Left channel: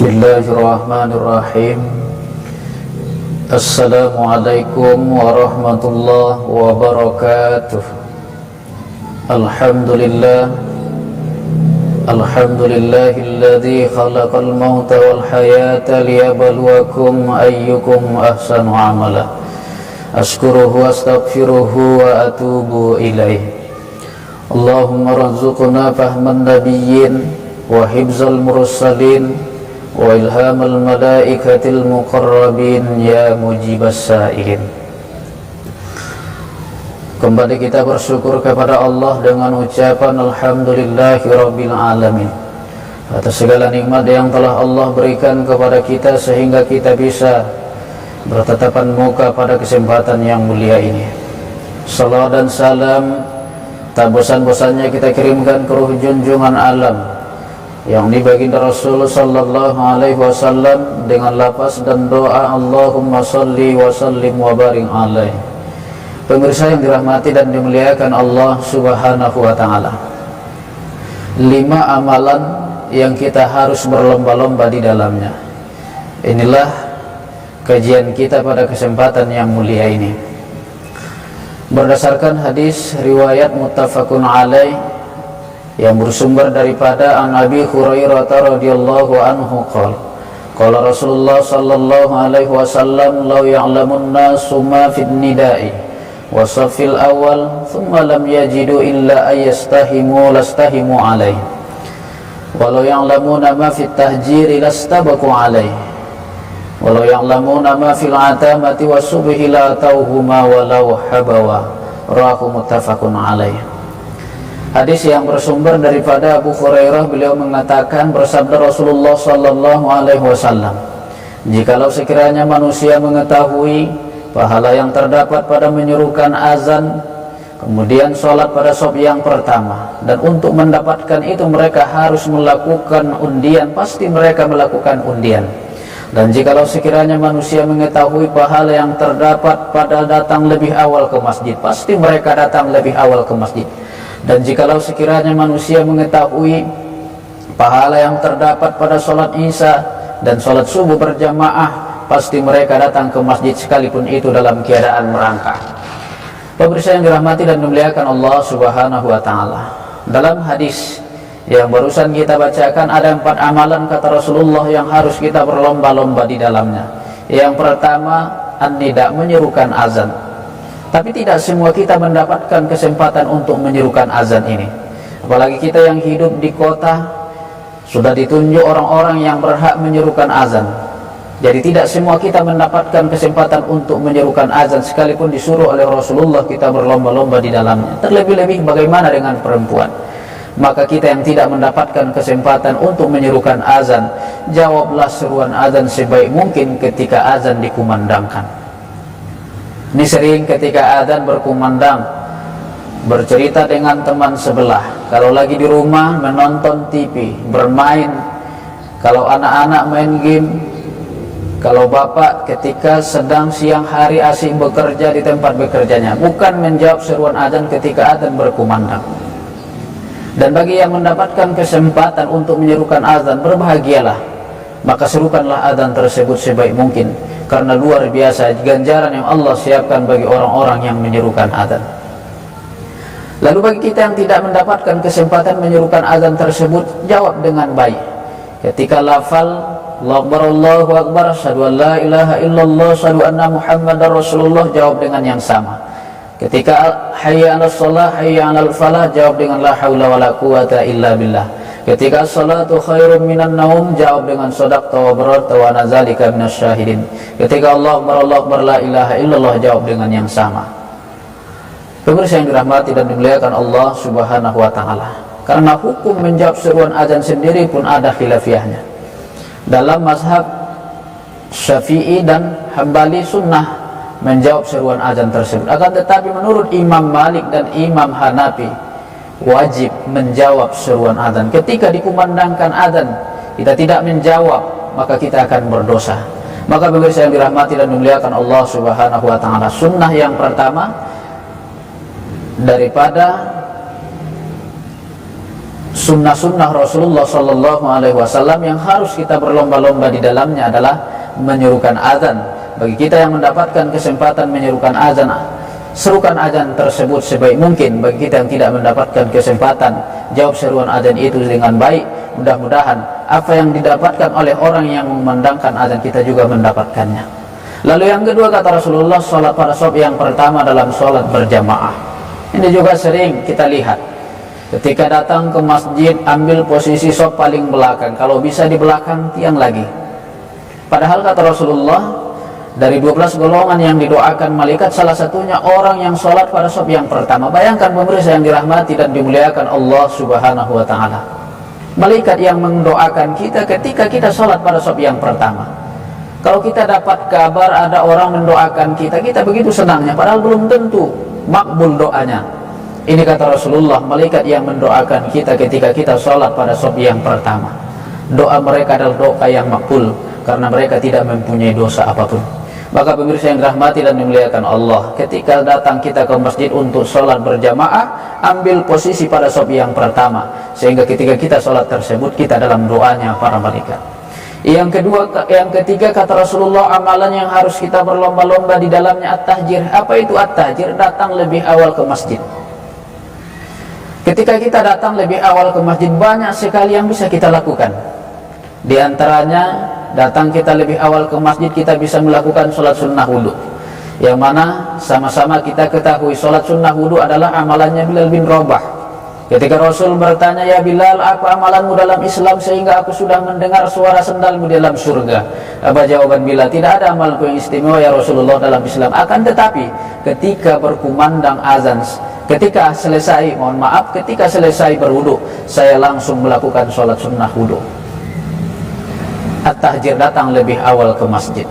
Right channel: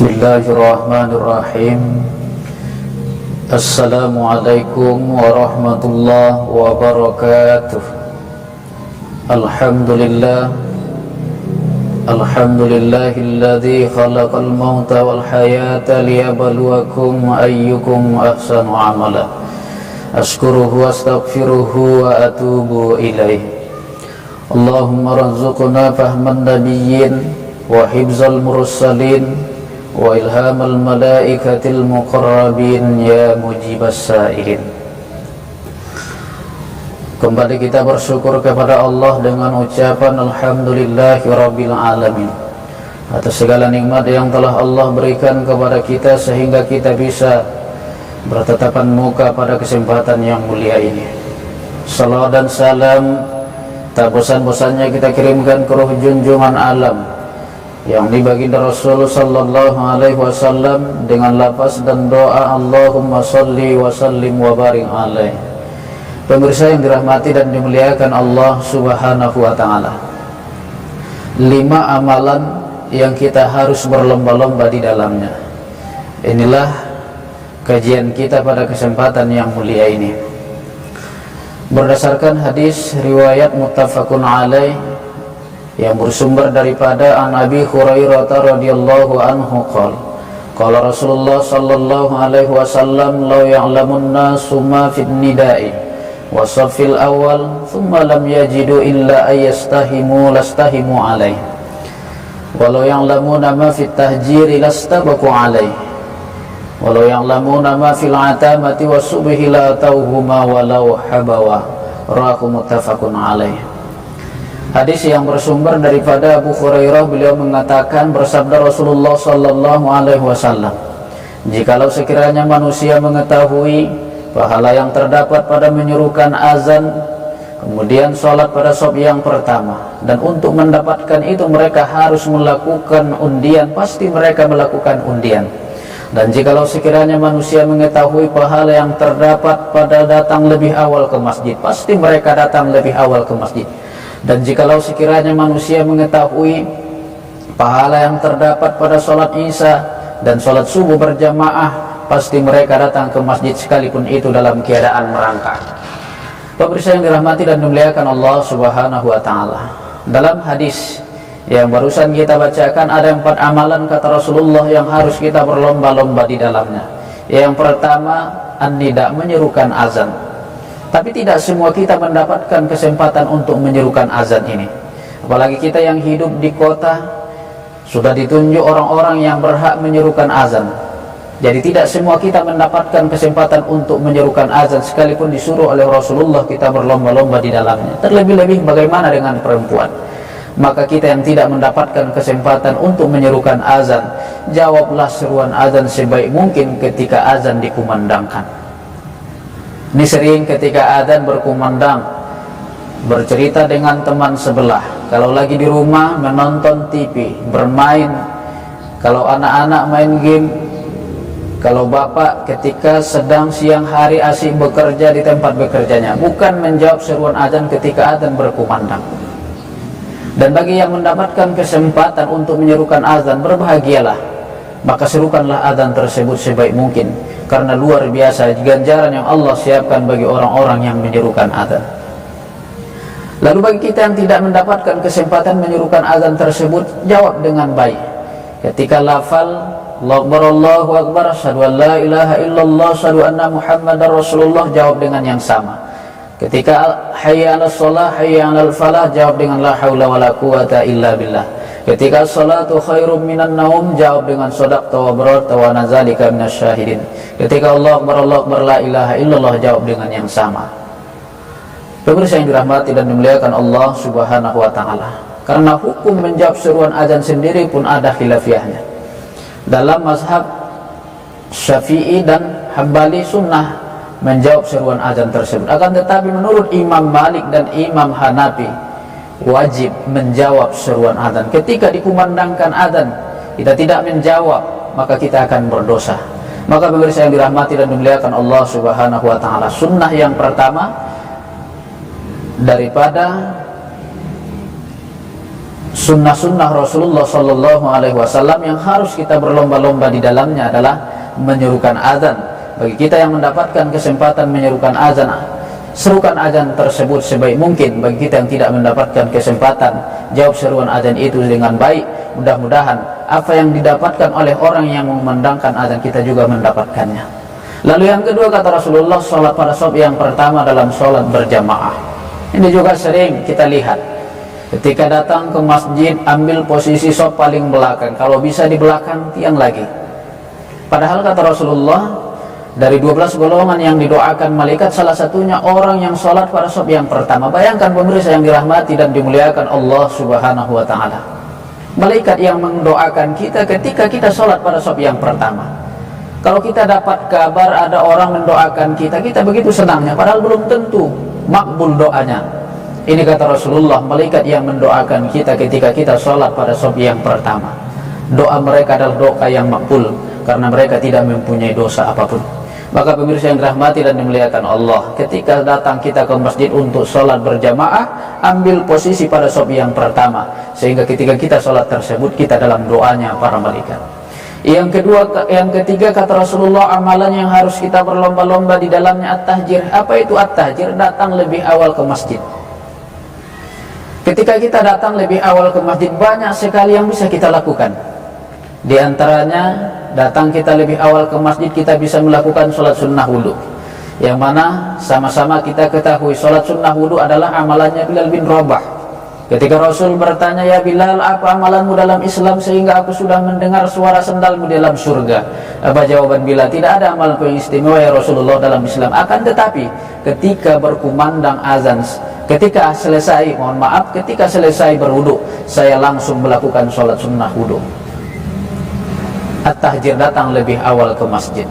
Bismillahirrahmanirrahim. Assalamualaikum warahmatullahi wabarakatuh. Alhamdulillahilladzi khalaqal mauta wal hayata liyabluwakum ayyukum ahsanu amala. Ashkuruhu wa astaghfiruhu wa atubu ilaih. Allahumma rzuqna fahman nabiyyin wa hibzal mursalin wa ilhamal malaikatil muqarrabin ya mujibas sa'ilin. Kembali kita bersyukur kepada Allah dengan ucapan alhamdulillahi rabbil alamin atas segala nikmat yang telah Allah berikan kepada kita sehingga kita bisa bertatapan muka pada kesempatan yang mulia ini. Salam dan salam tak bosan-bosannya kita kirimkan ke ruh junjungan alam yang baginda Rasul sallallahu alaihi wasallam dengan lafaz dan doa Allahumma salli wa sallim wa barik alaihi. Pemirsa yang dirahmati dan dimuliakan Allah subhanahu wa ta'ala, 5 amalan yang kita harus berlomba-lomba di dalamnya. Inilah kajian kita pada kesempatan yang mulia ini berdasarkan hadis riwayat muttafaqun alaih yang bersumber daripada an Abi Hurairah radhiyallahu anhu qala Rasulullah sallallahu alaihi wasallam law ya'lamun nasu ma fid nida'i wa safil awal thumma lam yajidu illa ayastahimu lastahimu alaihi walau ya'lamuna ma fit tahjiri lastabaku alaihi walau ya'lamuna ma fil atamati wa subhi la tauhuma walau habawa. Rawahu muttafaqun alaihi. Hadis yang bersumber daripada Abu Hurairah, beliau mengatakan, bersabda Rasulullah sallallahu alaihi wasallam, jikalau sekiranya manusia mengetahui pahala yang terdapat pada menyuruhkan azan kemudian sholat pada shaf yang pertama, dan untuk mendapatkan itu mereka harus melakukan undian, pasti mereka melakukan undian. Dan jikalau sekiranya manusia mengetahui pahala yang terdapat pada datang lebih awal ke masjid, pasti mereka datang lebih awal ke masjid. Dan jikalau sekiranya manusia mengetahui pahala yang terdapat pada sholat isya dan sholat subuh berjamaah, pasti mereka datang ke masjid sekalipun itu dalam keadaan merangkak. Pemirsa yang dirahmati dan dimuliakan Allah subhanahu wa ta'ala, dalam hadis yang barusan kita bacakan ada 4 amalan kata Rasulullah yang harus kita berlomba-lomba di dalamnya. Yang pertama, an-nida, menyerukan azan. Tapi tidak semua kita mendapatkan kesempatan untuk menyerukan azan ini. Apalagi kita yang hidup di kota, sudah ditunjuk orang-orang yang berhak menyerukan azan. Jadi tidak semua kita mendapatkan kesempatan untuk menyerukan azan, sekalipun disuruh oleh Rasulullah kita berlomba-lomba di dalamnya. Terlebih-lebih bagaimana dengan perempuan? Maka kita yang tidak mendapatkan kesempatan untuk menyerukan azan, jawablah seruan azan sebaik mungkin ketika azan dikumandangkan. Ini sering ketika azan berkumandang bercerita dengan teman sebelah, kalau lagi di rumah menonton TV, bermain, kalau anak-anak main game, kalau bapak ketika sedang siang hari asik bekerja di tempat bekerjanya, bukan menjawab seruan azan ketika azan berkumandang. Dan bagi yang mendapatkan kesempatan untuk menyerukan azan, berbahagialah, maka serukanlah azan tersebut sebaik mungkin, karena luar biasa ganjaran yang Allah siapkan bagi orang-orang yang menyerukan azan. Lalu bagi kita yang tidak mendapatkan kesempatan menyerukan azan tersebut, jawab dengan baik. Ketika lafal Allahu Akbar, asyhadu an la ilaha illallah, asyhadu anna Muhammadar Rasulullah, jawab dengan yang sama. Ketika hayya 'alas shalah, hayya 'alal falah, jawab dengan la haula wala quwata illa billah. Ketika salatu khairum minan naum, jawab dengan shadaqta wa bararta wa nazalika minasyahidin. Ketika Allah Akbar la ilaha illallah, jawab dengan yang sama. Pemirsa yang dirahmati dan dimuliakan Allah subhanahu wa ta'ala, karena hukum menjawab seruan azan sendiri pun ada khilafiyahnya. Dalam mazhab Syafi'i dan Hambali sunnah menjawab seruan azan tersebut. Akan tetapi menurut Imam Malik dan Imam Hanafi, wajib menjawab seruan azan. Ketika dikumandangkan azan kita tidak menjawab, maka kita akan berdosa. Maka pemirsa yang dirahmati dan dimuliakan Allah subhanahu wa ta'ala, sunnah yang pertama daripada sunnah-sunnah Rasulullah Sallallahu Alaihi Wasallam yang harus kita berlomba-lomba di dalamnya adalah menyerukan azan. Bagi kita yang mendapatkan kesempatan menyerukan azan, serukan azan tersebut sebaik mungkin. Bagi kita yang tidak mendapatkan kesempatan, jawab seruan azan itu dengan baik. Mudah-mudahan apa yang didapatkan oleh orang yang memandangkan azan, kita juga mendapatkannya. Lalu yang kedua, kata Rasulullah, sholat pada shaf yang pertama dalam sholat berjamaah. Ini juga sering kita lihat. Ketika datang ke masjid, ambil posisi shaf paling belakang, kalau bisa di belakang tiang lagi. Padahal kata Rasulullah, dari 12 golongan yang didoakan malaikat, salah satunya orang yang sholat pada shaf yang pertama. Bayangkan pemirsa yang dirahmati dan dimuliakan Allah Subhanahu wa ta'ala, malaikat yang mendoakan kita ketika kita sholat pada shaf yang pertama. Kalau kita dapat kabar ada orang mendoakan kita, kita begitu senangnya, padahal belum tentu makbul doanya. Ini kata Rasulullah, malaikat yang mendoakan kita ketika kita sholat pada shaf yang pertama, doa mereka adalah doa yang makbul, karena mereka tidak mempunyai dosa apapun. Maka pemirsa yang dirahmati dan dimuliakan Allah, ketika datang kita ke masjid untuk sholat berjamaah, ambil posisi pada shaf yang pertama, sehingga ketika kita sholat tersebut, kita dalam doanya para malaikat. Yang ketiga, kata Rasulullah, amalan yang harus kita berlomba-lomba di dalamnya at-tahjir. Apa itu at-tahjir? Datang lebih awal ke masjid. Ketika kita datang lebih awal ke masjid, banyak sekali yang bisa kita lakukan. Di antaranya, datang kita lebih awal ke masjid, kita bisa melakukan sholat sunnah wudhu, yang mana sama-sama kita ketahui sholat sunnah wudhu adalah amalannya Bilal bin Rabah. Ketika Rasul bertanya, ya Bilal, apa amalanmu dalam Islam sehingga aku sudah mendengar suara sendalmu di dalam surga? Apa jawaban Bilal? Tidak ada amalku yang istimewa ya Rasulullah dalam Islam, akan tetapi ketika berkumandang azan, ketika selesai berwudhu, saya langsung melakukan sholat sunnah wudhu. At-tahjir, datang lebih awal ke masjid.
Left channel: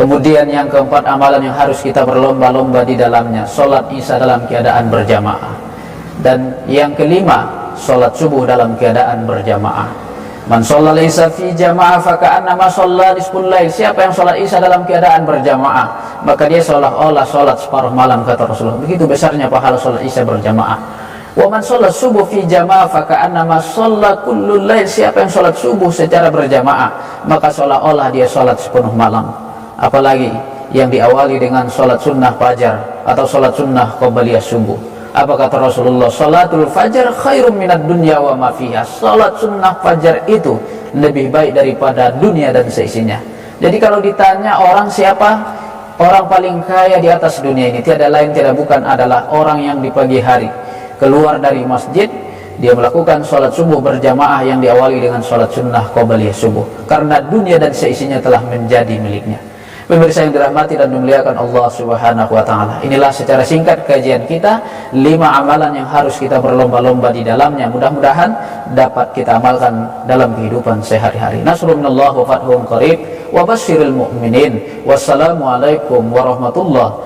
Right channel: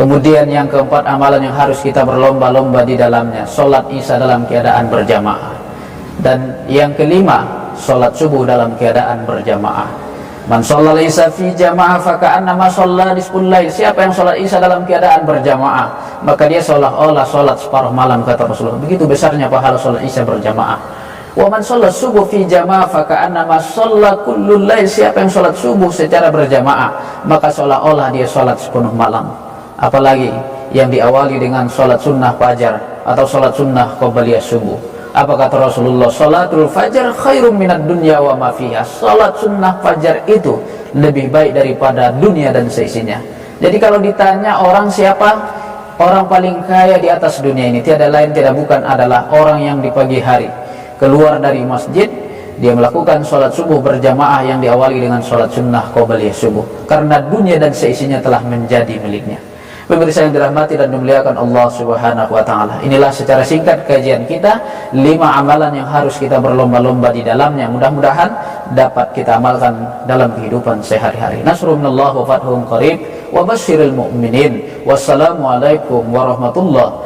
Kemudian yang keempat, amalan yang harus kita berlomba-lomba di dalamnya, sholat isya dalam keadaan berjamaah. Dan yang kelima, sholat subuh dalam keadaan berjamaah. Man shallal isya fi jamaah faka'annama shalla nisful lail. Siapa yang sholat isya dalam keadaan berjamaah, maka dia seolah-olah sholat separuh malam, kata Rasulullah. Begitu besarnya pahala sholat isya berjamaah. Wa man shalla subuh fi jamaah faka'annama shalla kullul lail. Siapa yang sholat subuh secara berjamaah, maka seolah-olah dia sholat sepenuh malam. Apalagi yang diawali dengan sholat sunnah fajar atau sholat sunnah qabliyah subuh. Apa kata Rasulullah? Sholatul fajar khairum minad dunya wa ma fiha. Sholat sunnah fajar itu lebih baik daripada dunia dan seisinya. Jadi kalau ditanya orang siapa orang paling kaya di atas dunia ini, tiada lain tiada bukan adalah orang yang di pagi hari keluar dari masjid, dia melakukan sholat subuh berjamaah yang diawali dengan sholat sunnah qabliyah subuh, karena dunia dan seisinya telah menjadi miliknya. Pemirsa yang dirahmati dan dimuliakan Allah Subhanahu wa ta'ala, inilah secara singkat kajian kita 5 amalan yang harus kita berlomba-lomba di dalamnya. Mudah-mudahan dapat kita amalkan dalam kehidupan sehari-hari. Nasrun minallah wa fathun qarib wa basyiril mu'minin. Wassalamualaikum warahmatullahi